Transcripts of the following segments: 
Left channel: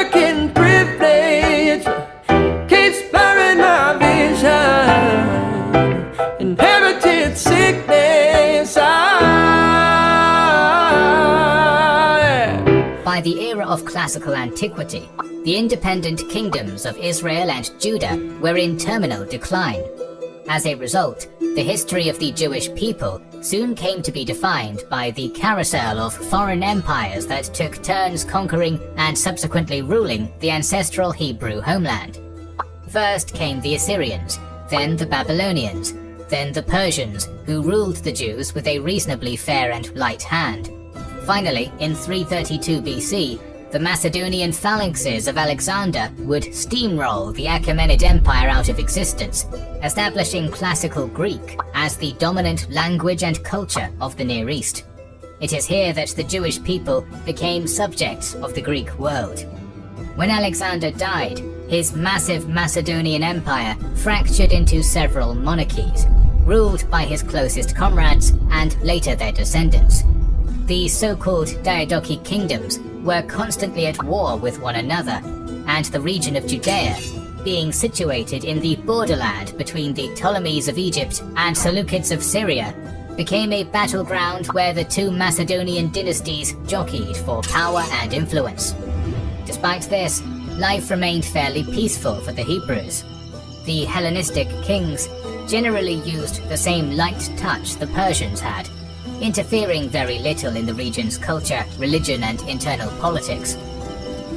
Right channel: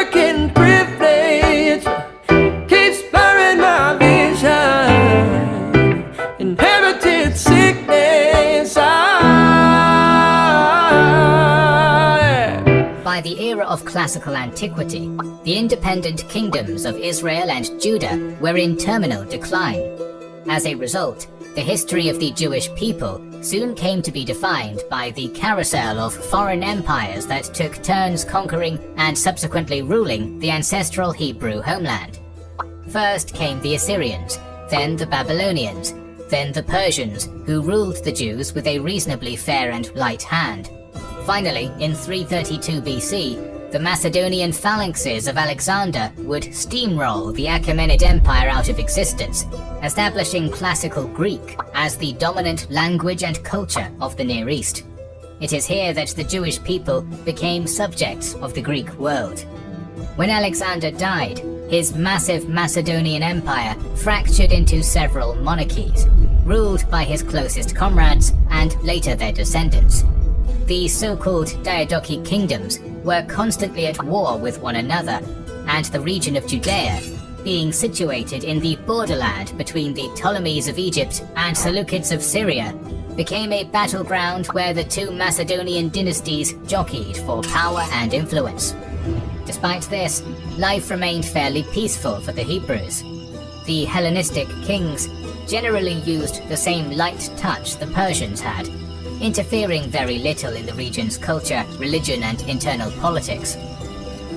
American privilege keeps blurring my vision. Inherited sickness. By the era of classical antiquity, the independent kingdoms of Israel and Judah were in terminal decline. As a result, the history of the Jewish people soon came to be defined by the carousel of foreign empires that took turns conquering and subsequently ruling the ancestral Hebrew homeland. First came the Assyrians, then the Babylonians, then the Persians, who ruled the Jews with a reasonably fair and light hand. Finally, in 332 BC, the Macedonian phalanxes of Alexander would steamroll the Achaemenid Empire out of existence, establishing Classical Greek as the dominant language and culture of the Near East. It is here that the Jewish people became subjects of the Greek world. When Alexander died, his massive Macedonian empire fractured into several monarchies, ruled by his closest comrades and later their descendants. The so-called Diadochi kingdoms were constantly at war with one another, and the region of Judea, being situated in the borderland between the Ptolemies of Egypt and Seleucids of Syria, became a battleground where the two Macedonian dynasties jockeyed for power and influence. Despite this, life remained fairly peaceful for the Hebrews. The Hellenistic kings generally used the same light touch the Persians had, interfering very little in the region's culture, religion, and internal politics.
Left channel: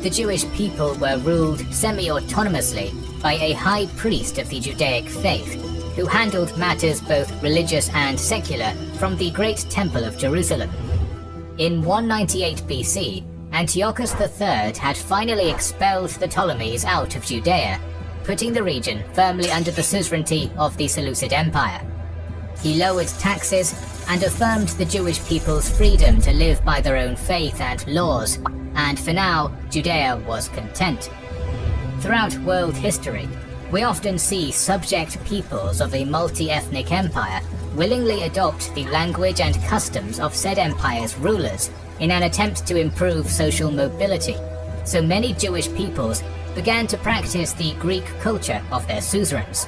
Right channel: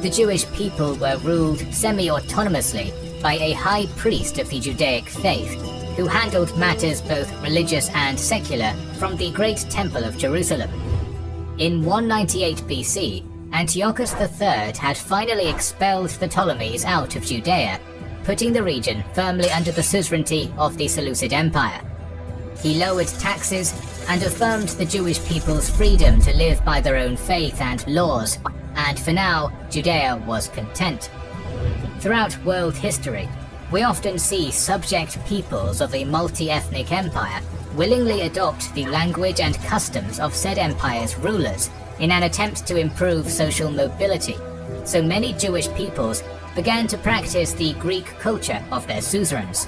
The Jewish people were ruled semi-autonomously by a high priest of the Judaic faith, who handled matters both religious and secular from the Great Temple of Jerusalem. In 198 BC, Antiochus III had finally expelled the Ptolemies out of Judea, putting the region firmly under the suzerainty of the Seleucid Empire. He lowered taxes and affirmed the Jewish people's freedom to live by their own faith and laws, and for now, Judea was content. Throughout world history, we often see subject peoples of a multi-ethnic empire willingly adopt the language and customs of said empire's rulers in an attempt to improve social mobility, so many Jewish peoples began to practice the Greek culture of their suzerains.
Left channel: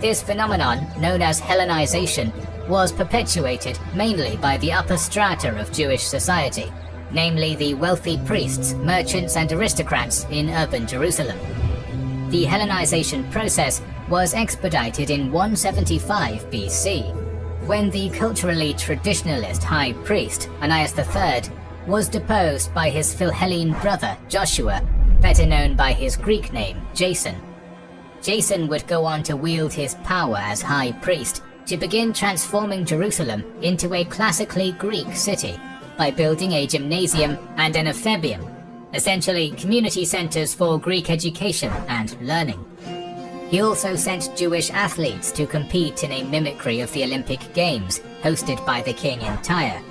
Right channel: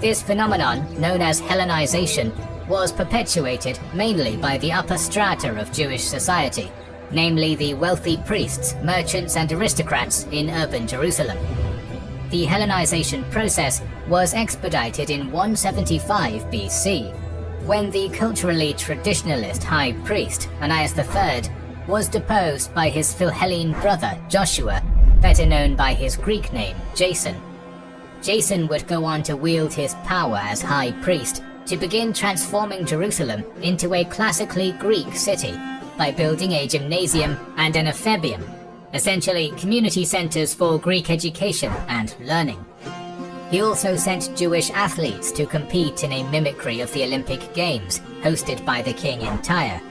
This phenomenon, known as Hellenization, was perpetuated mainly by the upper strata of Jewish society, namely the wealthy priests, merchants, and aristocrats in urban Jerusalem. The Hellenization process was expedited in 175 BC, when the culturally traditionalist high priest, Ananias III, was deposed by his Philhellene brother Joshua, better known by his Greek name Jason. Jason would go on to wield his power as high priest to begin transforming Jerusalem into a classically Greek city by building a gymnasium and an ephebium, essentially community centers for Greek education and learning. He also sent Jewish athletes to compete in a mimicry of the Olympic Games hosted by the king in Tyre.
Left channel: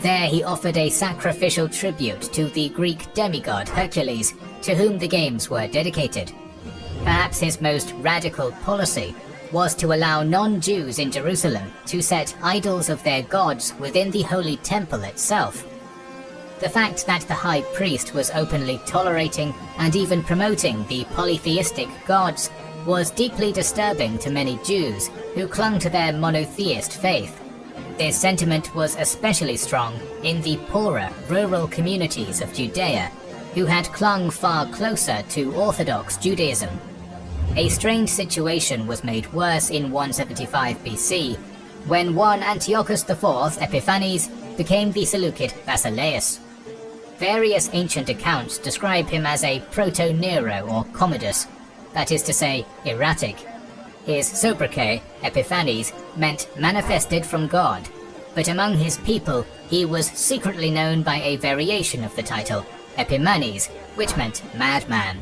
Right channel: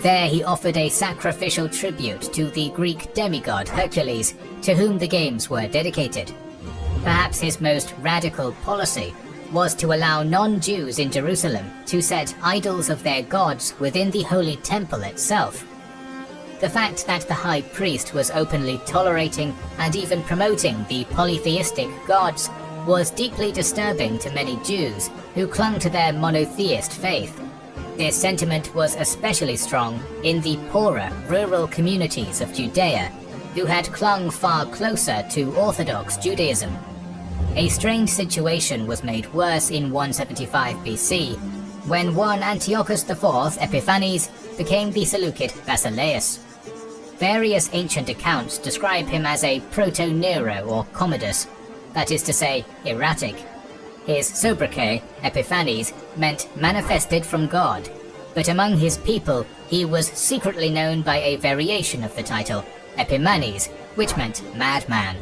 There he offered a sacrificial tribute to the Greek demigod Hercules, to whom the games were dedicated. Perhaps his most radical policy was to allow non-Jews in Jerusalem to set idols of their gods within the Holy Temple itself. The fact that the high priest was openly tolerating and even promoting the polytheistic gods was deeply disturbing to many Jews who clung to their monotheist faith. This sentiment was especially strong in the poorer, rural communities of Judea, who had clung far closer to Orthodox Judaism. A strained situation was made worse in 175 BC, when one Antiochus IV Epiphanes became the Seleucid Basileus. Various ancient accounts describe him as a proto-Nero or Commodus, that is to say, erratic. His sobriquet, Epiphanes, meant manifested from God, but among his people he was secretly known by a variation of the title, Epimanes, which meant madman.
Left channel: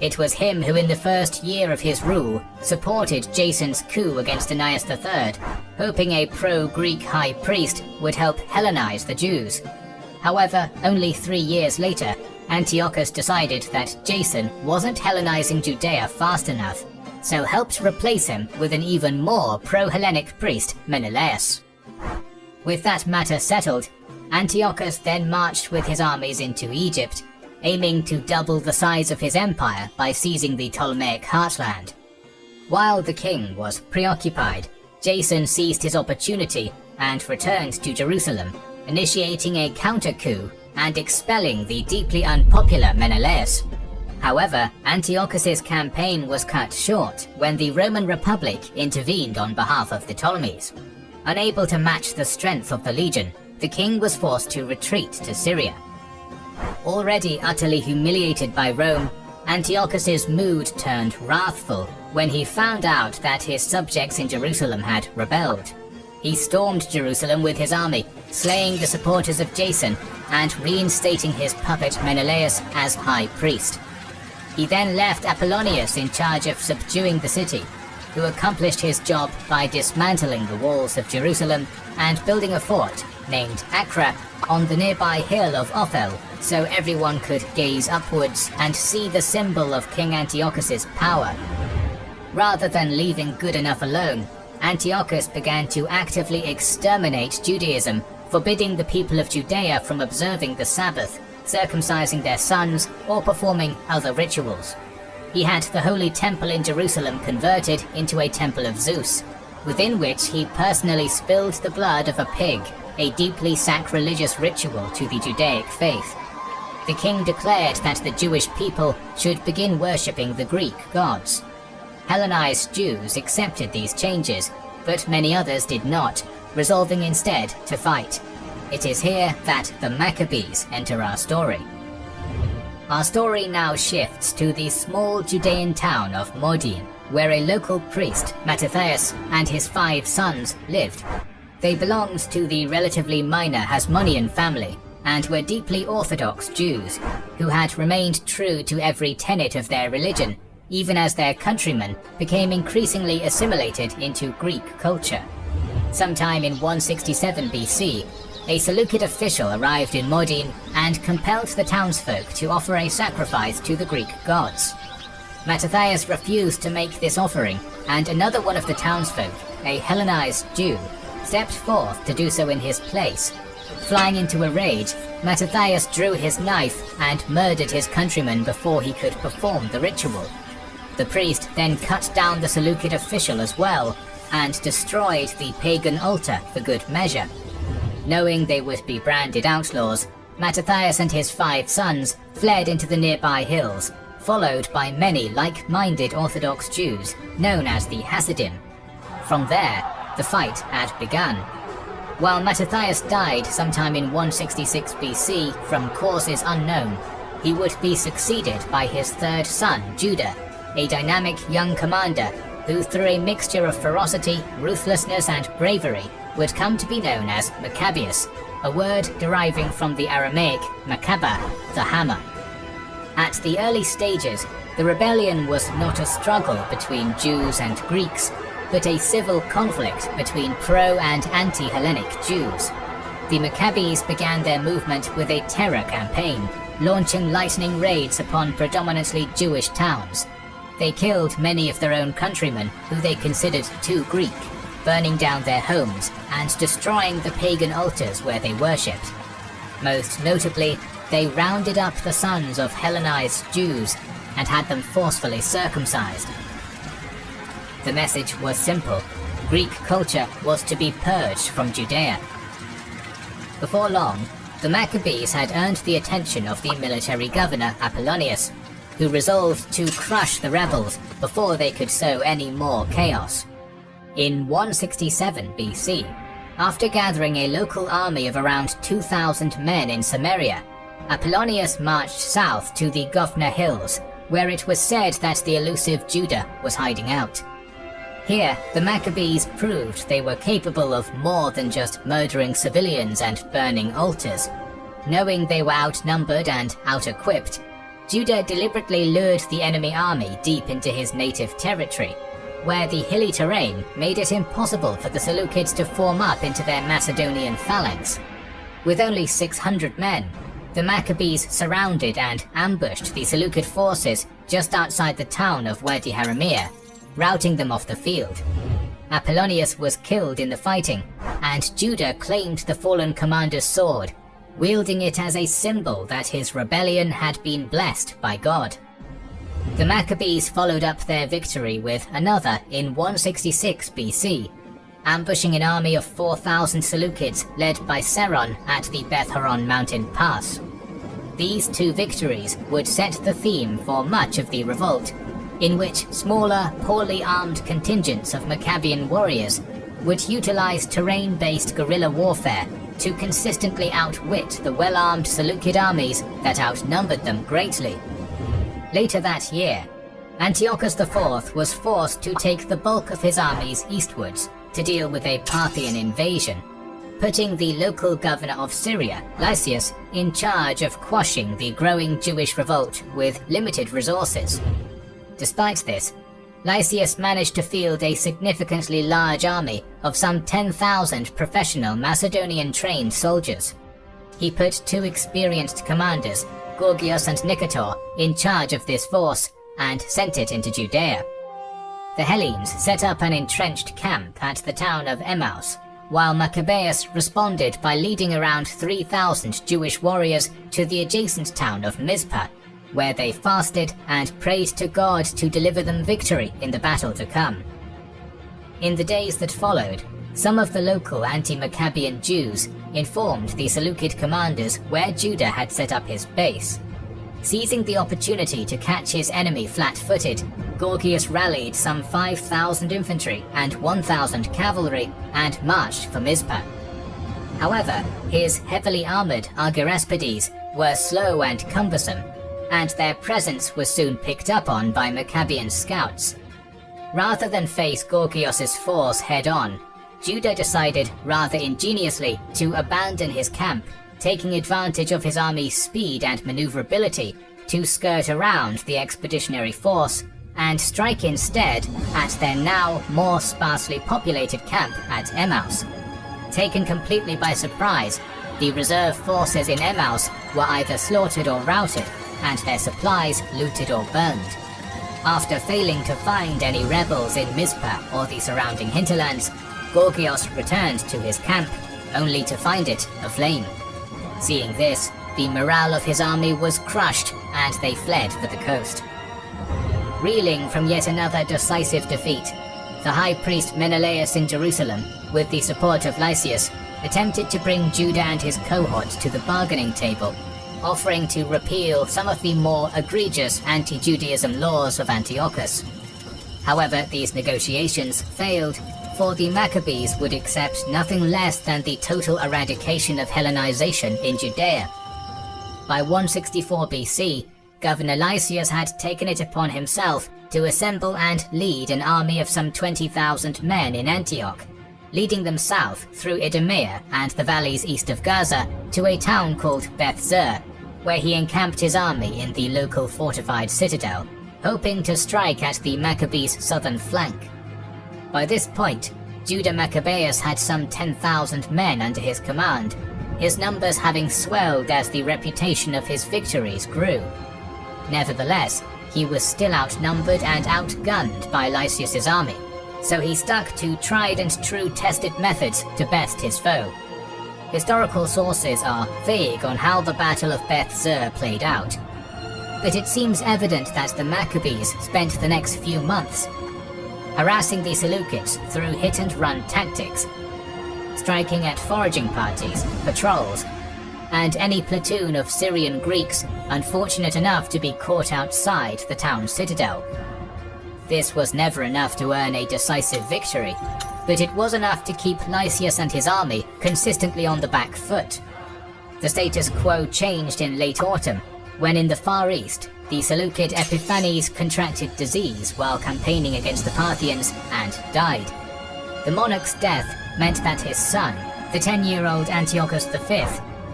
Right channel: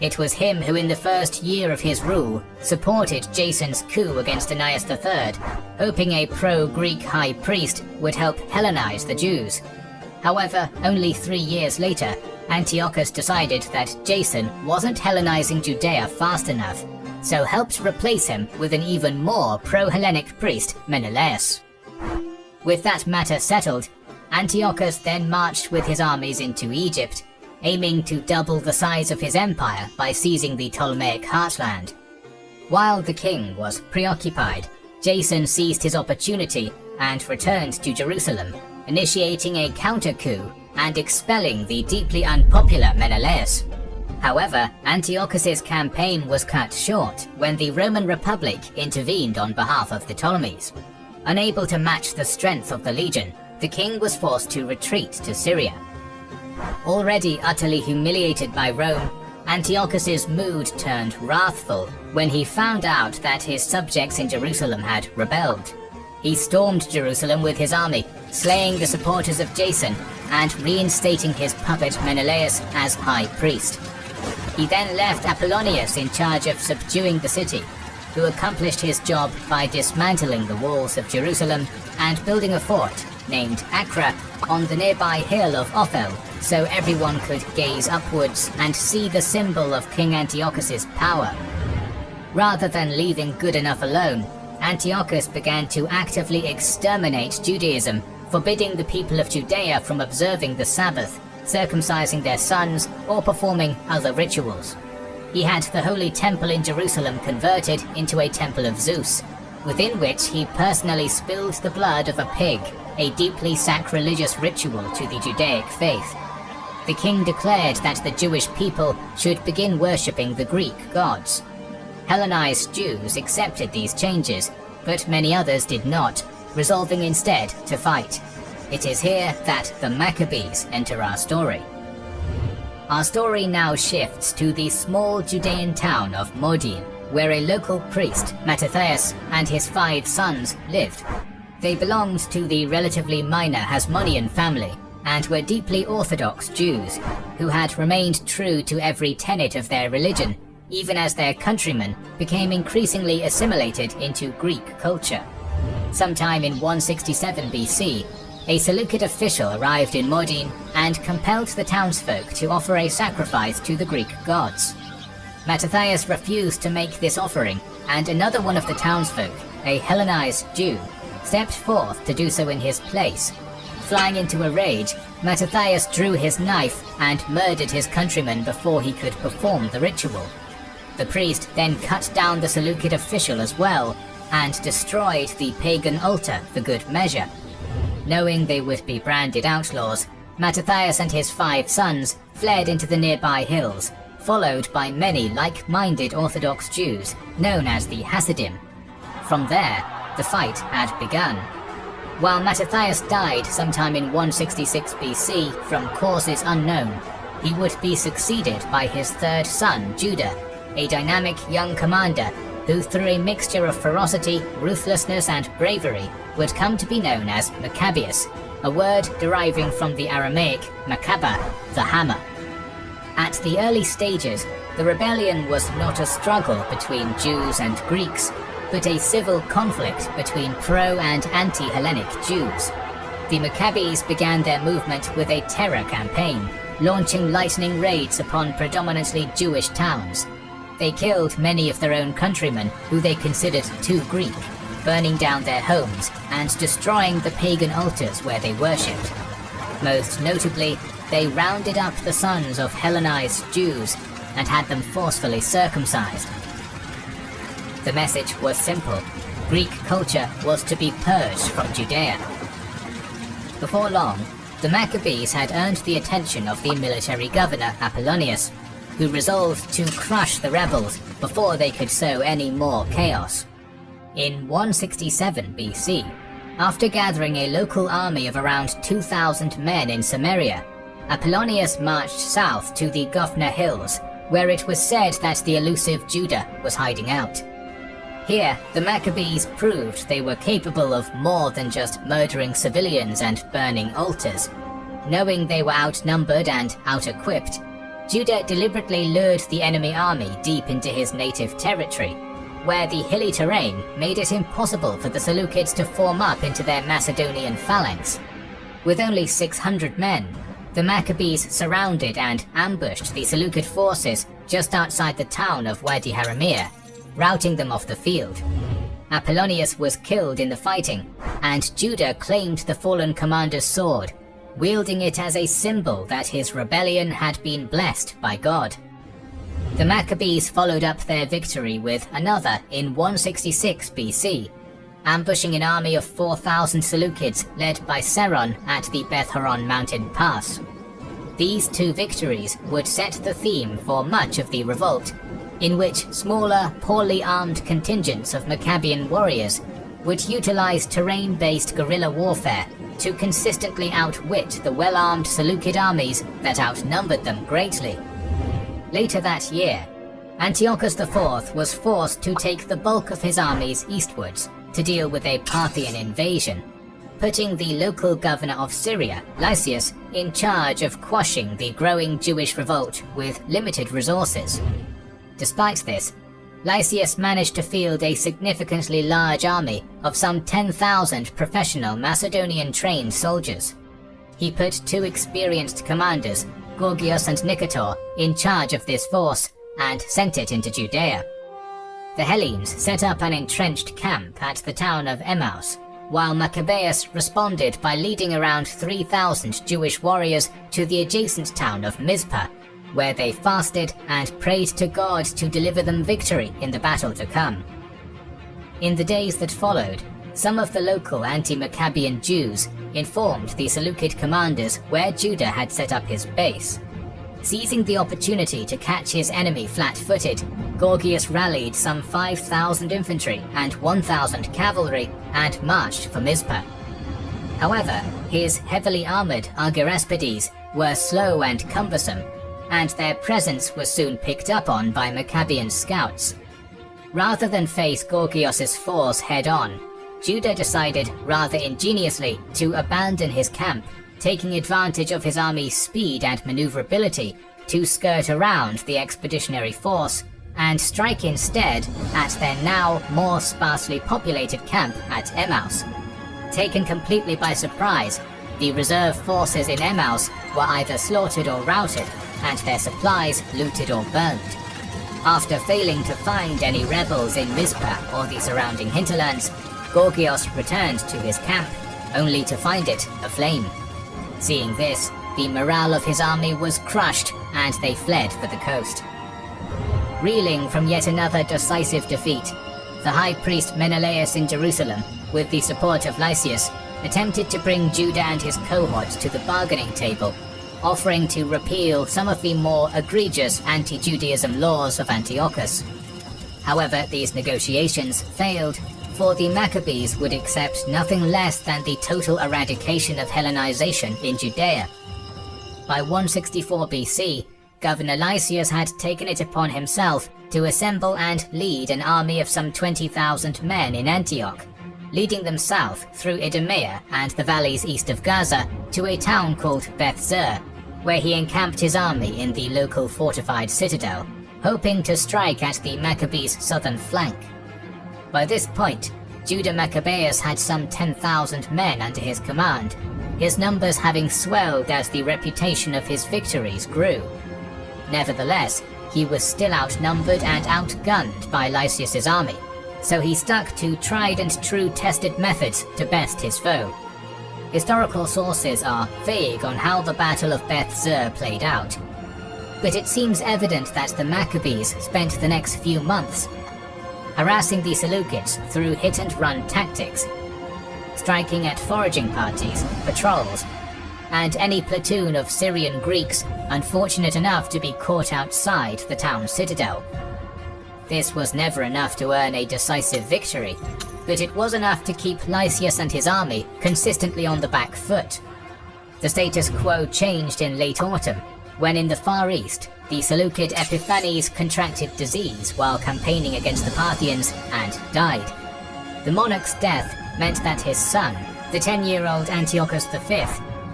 It was him who in the first year of his rule supported Jason's coup against Ananias III, hoping a pro-Greek high priest would help Hellenize the Jews. However, only 3 years later, Antiochus decided that Jason wasn't Hellenizing Judea fast enough, so helped replace him with an even more pro-Hellenic priest, Menelaus. With that matter settled, Antiochus then marched with his armies into Egypt, aiming to double the size of his empire by seizing the Ptolemaic heartland. While the king was preoccupied, Jason seized his opportunity and returned to Jerusalem, initiating a counter-coup and expelling the deeply unpopular Menelaus. However, Antiochus's campaign was cut short when the Roman Republic intervened on behalf of the Ptolemies. Unable to match the strength of the legion, the king was forced to retreat to Syria. Already utterly humiliated by Rome, Antiochus's mood turned wrathful when he found out that his subjects in Jerusalem had rebelled. He stormed Jerusalem with his army, slaying the supporters of Jason and reinstating his puppet Menelaus as high priest. He then left Apollonius in charge of subduing the city, who accomplished his job by dismantling the walls of Jerusalem and building a fort named Acra on the nearby hill of Ophel, so everyone could gaze upwards and see the symbol of King Antiochus's power. Rather than leaving good enough alone, Antiochus began to actively exterminate Judaism, forbidding the people of Judea from observing the Sabbath, circumcising their sons, or performing other rituals. He had the Holy Temple in Jerusalem converted into a temple of Zeus, within which he personally spilled the blood of a pig, a deeply sacrilegious ritual to the Judaic faith. The king declared that the Jewish people should begin worshipping the Greek gods. Hellenized Jews accepted these changes, but many others did not, resolving instead to fight. It is here that the Maccabees enter our story. Our story now shifts to the small Judean town of Modin, where a local priest, Mattathias, and his 5 sons lived. They belonged to the relatively minor Hasmonean family, and were deeply Orthodox Jews, who had remained true to every tenet of their religion, even as their countrymen became increasingly assimilated into Greek culture. Sometime in 167 BC, a Seleucid official arrived in Modin and compelled the townsfolk to offer a sacrifice to the Greek gods. Mattathias refused to make this offering, and another one of the townsfolk, a Hellenized Jew, stepped forth to do so in his place. Flying into a rage, Mattathias drew his knife and murdered his countrymen before he could perform the ritual. The priest then cut down the Seleucid official as well, and destroyed the pagan altar for good measure. Knowing they would be branded outlaws, Mattathias and his 5 sons fled into the nearby hills, followed by many like-minded Orthodox Jews known as the Hasidim. From there, the fight had begun. While Mattathias died sometime in 166 BC from causes unknown, he would be succeeded by his 3rd son, Judah, a dynamic young commander who, through a mixture of ferocity, ruthlessness, and bravery, would come to be known as Maccabeus, a word deriving from the Aramaic Maccaba, the hammer. At the early stages, the rebellion was not a struggle between Jews and Greeks, but a civil conflict between pro- and anti-Hellenic Jews. The Maccabees began their movement with a terror campaign, launching lightning raids upon predominantly Jewish towns. They killed many of their own countrymen who they considered too Greek, burning down their homes and destroying the pagan altars where they worshipped. Most notably, they rounded up the sons of Hellenized Jews and had them forcefully circumcised. The message was simple: Greek culture was to be purged from Judea. Before long, the Maccabees had earned the attention of the military governor Apollonius, who resolved to crush the rebels before they could sow any more chaos. In 167 BC, after gathering a local army of around 2,000 men in Samaria, Apollonius marched south to the Gophna Hills, where it was said that the elusive Judah was hiding out. Here, the Maccabees proved they were capable of more than just murdering civilians and burning altars. Knowing they were outnumbered and out-equipped, Judah deliberately lured the enemy army deep into his native territory, where the hilly terrain made it impossible for the Seleucids to form up into their Macedonian phalanx. With only 600 men, the Maccabees surrounded and ambushed the Seleucid forces just outside the town of Wadi Haramea, routing them off the field. Apollonius was killed in the fighting, and Judah claimed the fallen commander's sword, wielding it as a symbol that his rebellion had been blessed by God. The Maccabees followed up their victory with another in 166 BC, ambushing an army of 4,000 Seleucids led by Seron at the Beth Horon mountain pass. These two victories would set the theme for much of the revolt, in which smaller, poorly armed contingents of Maccabean warriors would utilize terrain-based guerrilla warfare to consistently outwit the well-armed Seleucid armies that outnumbered them greatly. Later that year, Antiochus IV was forced to take the bulk of his armies eastwards to deal with a Parthian invasion, putting the local governor of Syria, Lysias, in charge of quashing the growing Jewish revolt with limited resources. Despite this, Lysias managed to field a significantly large army of some 10,000 professional Macedonian-trained soldiers. He put two experienced commanders, Gorgias and Nicator, in charge of this force and sent it into Judea. The Hellenes set up an entrenched camp at the town of Emmaus, while Maccabeus responded by leading around 3,000 Jewish warriors to the adjacent town of Mizpah, where they fasted and prayed to God to deliver them victory in the battle to come. In the days that followed, some of the local anti-Maccabean Jews informed the Seleucid commanders where Judah had set up his base. Seizing the opportunity to catch his enemy flat-footed, Gorgias rallied some 5,000 infantry and 1,000 cavalry and marched for Mizpah. However, his heavily armored Argyrespides were slow and cumbersome, and their presence was soon picked up on by Maccabean scouts. Rather than face Gorgias's force head-on, Judah decided rather ingeniously to abandon his camp, taking advantage of his army's speed and maneuverability to skirt around the expeditionary force and strike instead at their now more sparsely populated camp at Emmaus. Taken completely by surprise, the reserve forces in Emmaus were either slaughtered or routed, and their supplies looted or burned. After failing to find any rebels in Mizpah or the surrounding hinterlands, Gorgias returned to his camp, only to find it aflame. Seeing this, the morale of his army was crushed and they fled for the coast. Reeling from yet another decisive defeat, the high priest Menelaus in Jerusalem, with the support of Lysias, attempted to bring Judah and his cohorts to the bargaining table, offering to repeal some of the more egregious anti-Judaism laws of Antiochus. However, these negotiations failed, for the Maccabees would accept nothing less than the total eradication of Hellenization in Judea. By 164 BC, Governor Lysias had taken it upon himself to assemble and lead an army of some 20,000 men in Antioch, leading them south through Idumea and the valleys east of Gaza to a town called Beth Zur, where he encamped his army in the local fortified citadel, hoping to strike at the Maccabees' southern flank. By this point, Judah Maccabeus had some 10,000 men under his command, his numbers having swelled as the reputation of his victories grew. Nevertheless, he was still outnumbered and outgunned by Lysias's army, so he stuck to tried and true tested methods to best his foe. Historical sources are vague on how the Battle of Beth Zur played out, but it seems evident that the Maccabees spent the next few months harassing the Seleucids through hit-and-run tactics, striking at foraging parties, patrols, and any platoon of Syrian Greeks unfortunate enough to be caught outside the town's citadel. This was never enough to earn a decisive victory, but it was enough to keep Lysias and his army consistently on the back foot. The status quo changed in late autumn, when in the Far East, the Seleucid Epiphanes contracted disease while campaigning against the Parthians and died. The monarch's death meant that his son, the 10-year-old Antiochus V,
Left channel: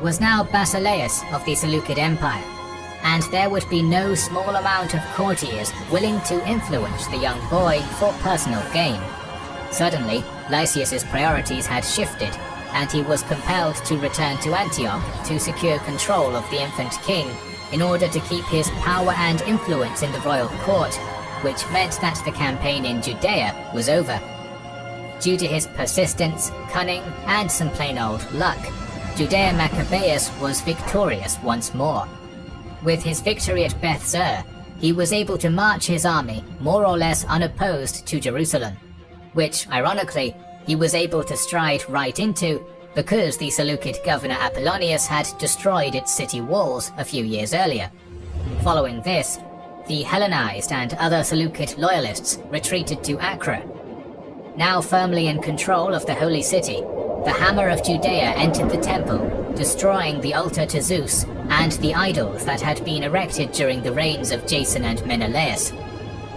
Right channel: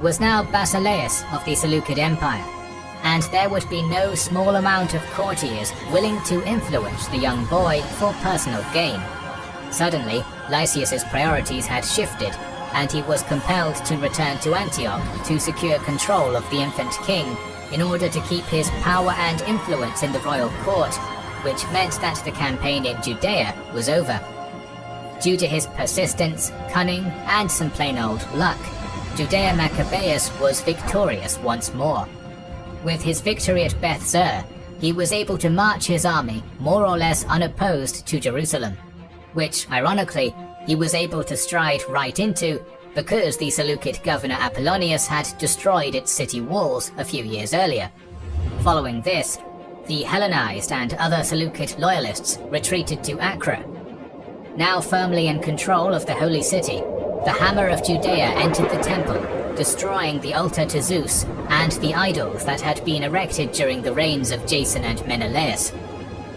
was now Basileus of the Seleucid Empire, and there would be no small amount of courtiers willing to influence the young boy for personal gain. Suddenly, Lysias's priorities had shifted, and he was compelled to return to Antioch to secure control of the infant king in order to keep his power and influence in the royal court, which meant that the campaign in Judea was over. Due to his persistence, cunning, and some plain old luck, Judea Maccabeus was victorious once more. With his victory at Beth Zur, he was able to march his army more or less unopposed to Jerusalem, which, ironically, he was able to stride right into because the Seleucid governor Apollonius had destroyed its city walls a few years earlier. Following this, the Hellenized and other Seleucid loyalists retreated to Acre. Now firmly in control of the holy city, the Hammer of Judea entered the temple, destroying the altar to Zeus and the idols that had been erected during the reigns of Jason and Menelaus.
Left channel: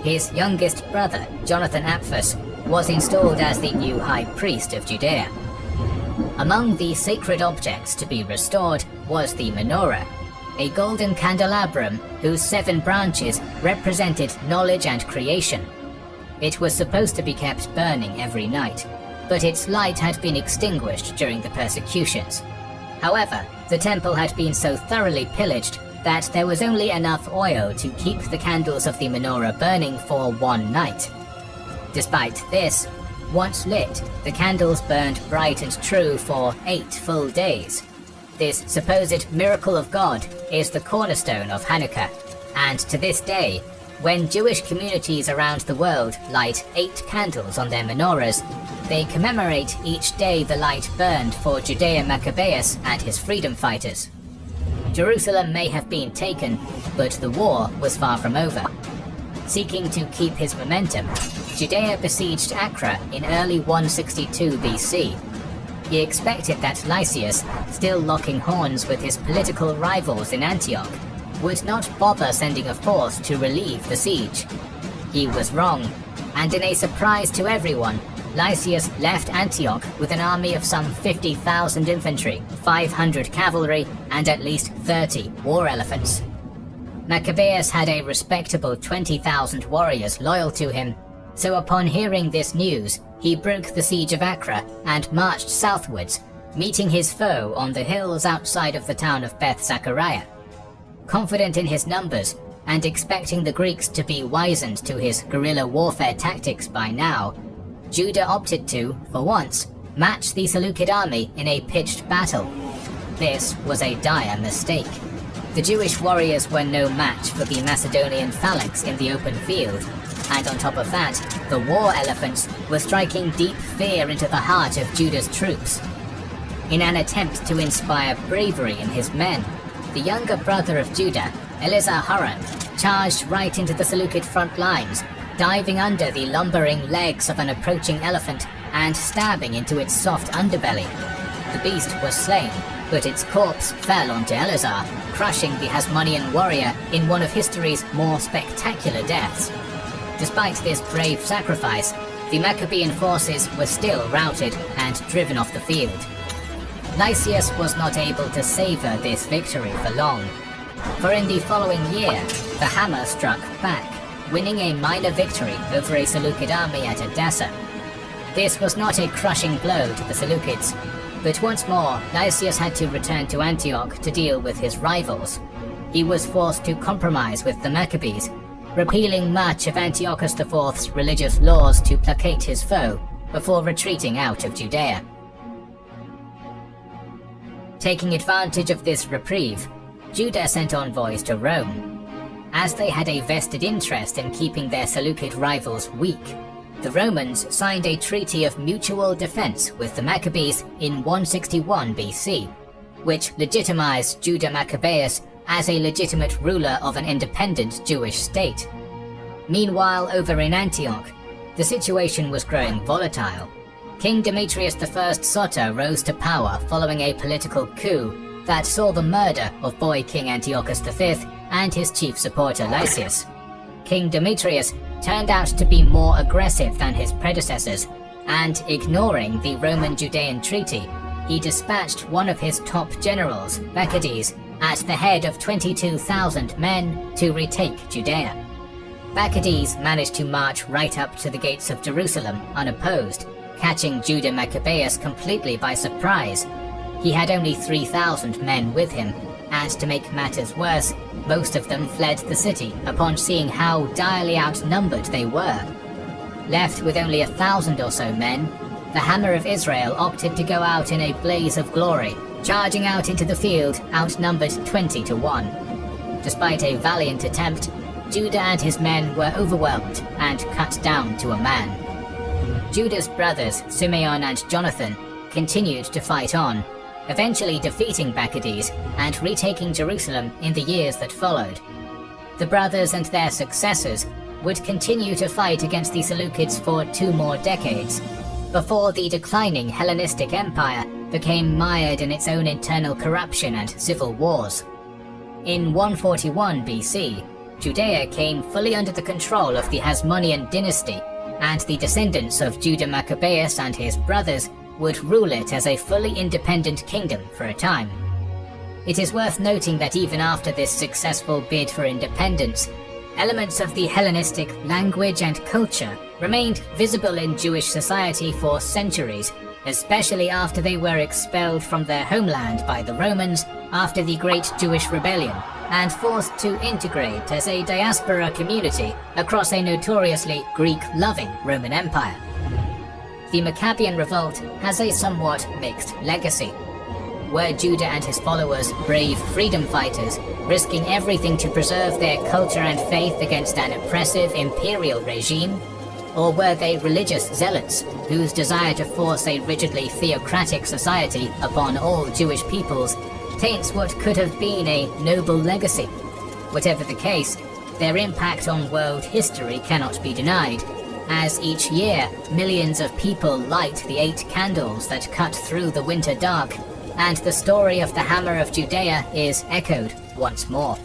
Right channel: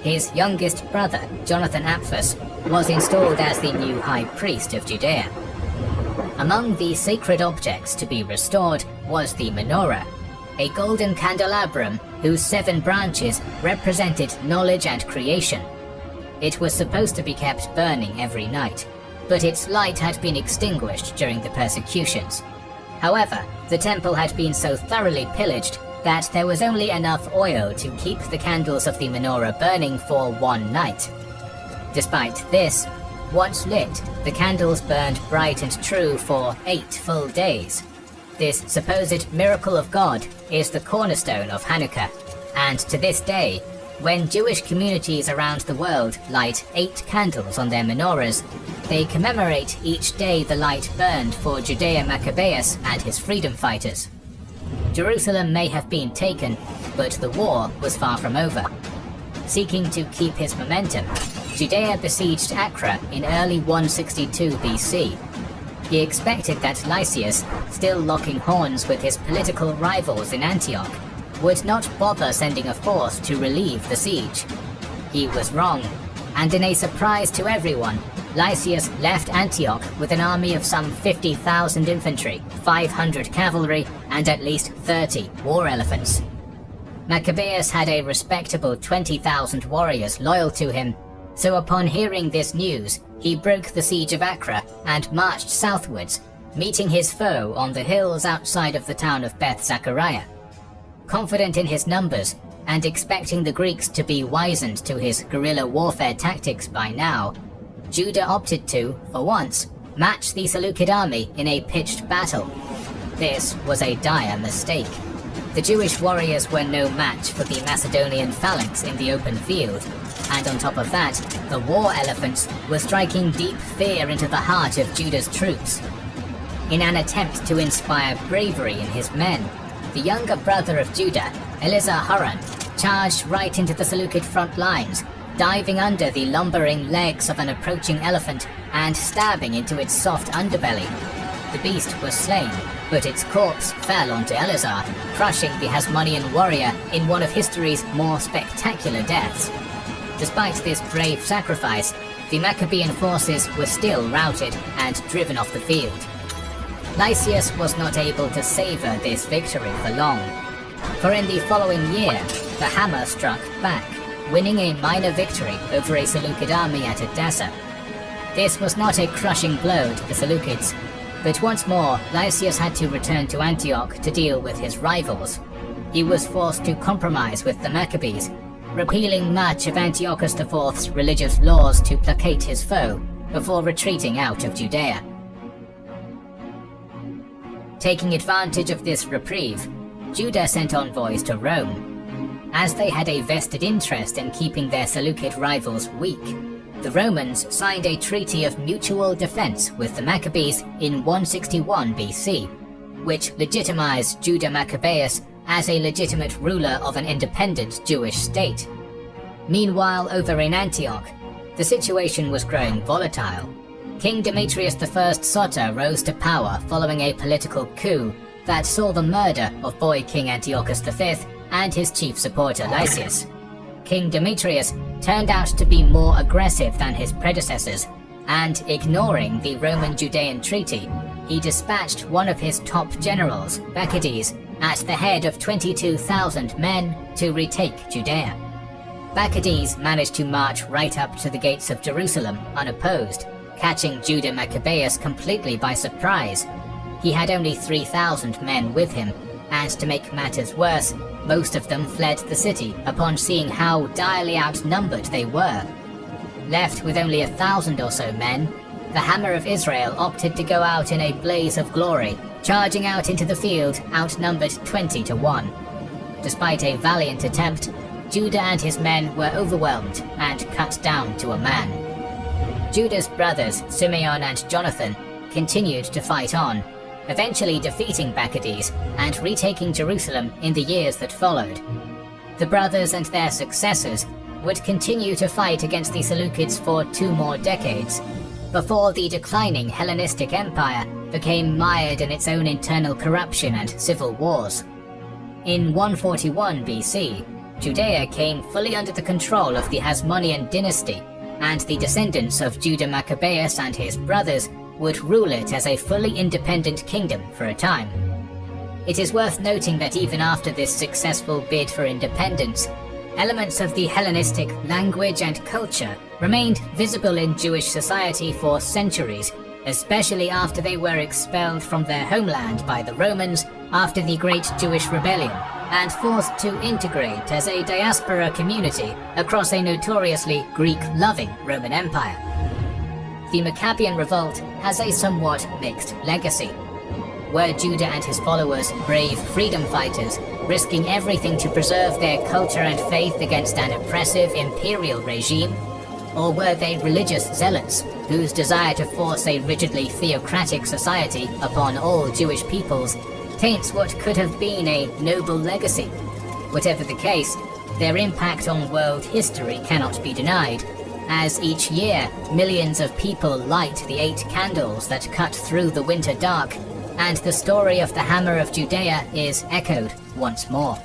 His youngest brother, Jonathan Apphus, was installed as the new high priest of Judea. Among the sacred objects to be restored was the menorah, a golden candelabrum whose 7 branches represented knowledge and creation. It was supposed to be kept burning every night, but its light had been extinguished during the persecutions. However, the temple had been so thoroughly pillaged that there was only enough oil to keep the candles of the menorah burning for 1 night. Despite this, once lit, the candles burned bright and true for 8 full days. This supposed miracle of God is the cornerstone of Hanukkah, and to this day, when Jewish communities around the world light 8 candles on their menorahs, they commemorate each day the light burned for Judea Maccabeus and his freedom fighters. Jerusalem may have been taken, but the war was far from over. Seeking to keep his momentum, Judea besieged Acre in early 162 BC. He expected that Lysias, still locking horns with his political rivals in Antioch, would not bother sending a force to relieve the siege. He was wrong, and in a surprise to everyone, Lysias left Antioch with an army of some 50,000 infantry, 500 cavalry, and at least 30 war elephants. Maccabeus had a respectable 20,000 warriors loyal to him, so upon hearing this news, he broke the siege of Acre and marched southwards, meeting his foe on the hills outside of the town of Beth Zachariah. Confident in his numbers, and expecting the Greeks to be wizened to his guerrilla warfare tactics by now, Judah opted to, for once, match the Seleucid army in a pitched battle. This was a dire mistake. The Jewish warriors were no match for the Macedonian phalanx in the open field, and on top of that, the war elephants were striking deep fear into the heart of Judah's troops. In an attempt to inspire bravery in his men, the younger brother of Judah, Elizur-Haran, charged right into the Seleucid front lines, diving under the lumbering legs of an approaching elephant and stabbing into its soft underbelly. The beast was slain, but its corpse fell onto Elazar, crushing the Hasmonean warrior in one of history's more spectacular deaths. Despite this brave sacrifice, the Maccabean forces were still routed and driven off the field. Lysias was not able to savor this victory for long, for in the following year, the hammer struck back, winning a minor victory over a Seleucid army at Edessa. This was not a crushing blow to the Seleucids, but once more, Lysias had to return to Antioch to deal with his rivals. He was forced to compromise with the Maccabees, repealing much of Antiochus IV's religious laws to placate his foe, before retreating out of Judea. Taking advantage of this reprieve, Judah sent envoys to Rome. As they had a vested interest in keeping their Seleucid rivals weak, the Romans signed a treaty of mutual defense with the Maccabees in 161 BC, which legitimized Judah Maccabeus as a legitimate ruler of an independent Jewish state. Meanwhile, over in Antioch, the situation was growing volatile. King Demetrius I Soter rose to power following a political coup that saw the murder of boy King Antiochus V and his chief supporter Lysias. King Demetrius turned out to be more aggressive than his predecessors, and ignoring the Roman-Judean treaty, he dispatched one of his top generals, Bacchides, at the head of 22,000 men to retake Judea. Bacchides managed to march right up to the gates of Jerusalem unopposed, catching Judah Maccabeus completely by surprise. He had only 3,000 men with him, and to make matters worse, most of them fled the city upon seeing how direly outnumbered they were. Left with only 1,000 or so men, the Hammer of Israel opted to go out in a blaze of glory charging out into the field outnumbered 20 to 1. Despite a valiant attempt, Judah and his men were overwhelmed and cut down to a man. Judah's brothers Simeon and Jonathan continued to fight on, eventually defeating Bacchides and retaking Jerusalem in the years that followed. The brothers and their successors would continue to fight against the Seleucids for 2 more decades, before the declining Hellenistic Empire became mired in its own internal corruption and civil wars. In 141 BC, Judea came fully under the control of the Hasmonean dynasty, and the descendants of Judah Maccabeus and his brothers would rule it as a fully independent kingdom for a time. It is worth noting that even after this successful bid for independence, elements of the Hellenistic language and culture remained visible in Jewish society for centuries, especially after they were expelled from their homeland by the Romans after the Great Jewish Rebellion, and forced to integrate as a diaspora community across a notoriously Greek-loving Roman Empire. The Maccabean revolt has a somewhat mixed legacy. Were Judah and his followers brave freedom fighters, risking everything to preserve their culture and faith against an oppressive imperial regime? Or were they religious zealots whose desire to force a rigidly theocratic society upon all Jewish peoples taints what could have been a noble legacy? Whatever the case, their impact on world history cannot be denied, as each year millions of people light the 8 candles that cut through the winter dark, and the story of the Hammer of Judea is echoed once more.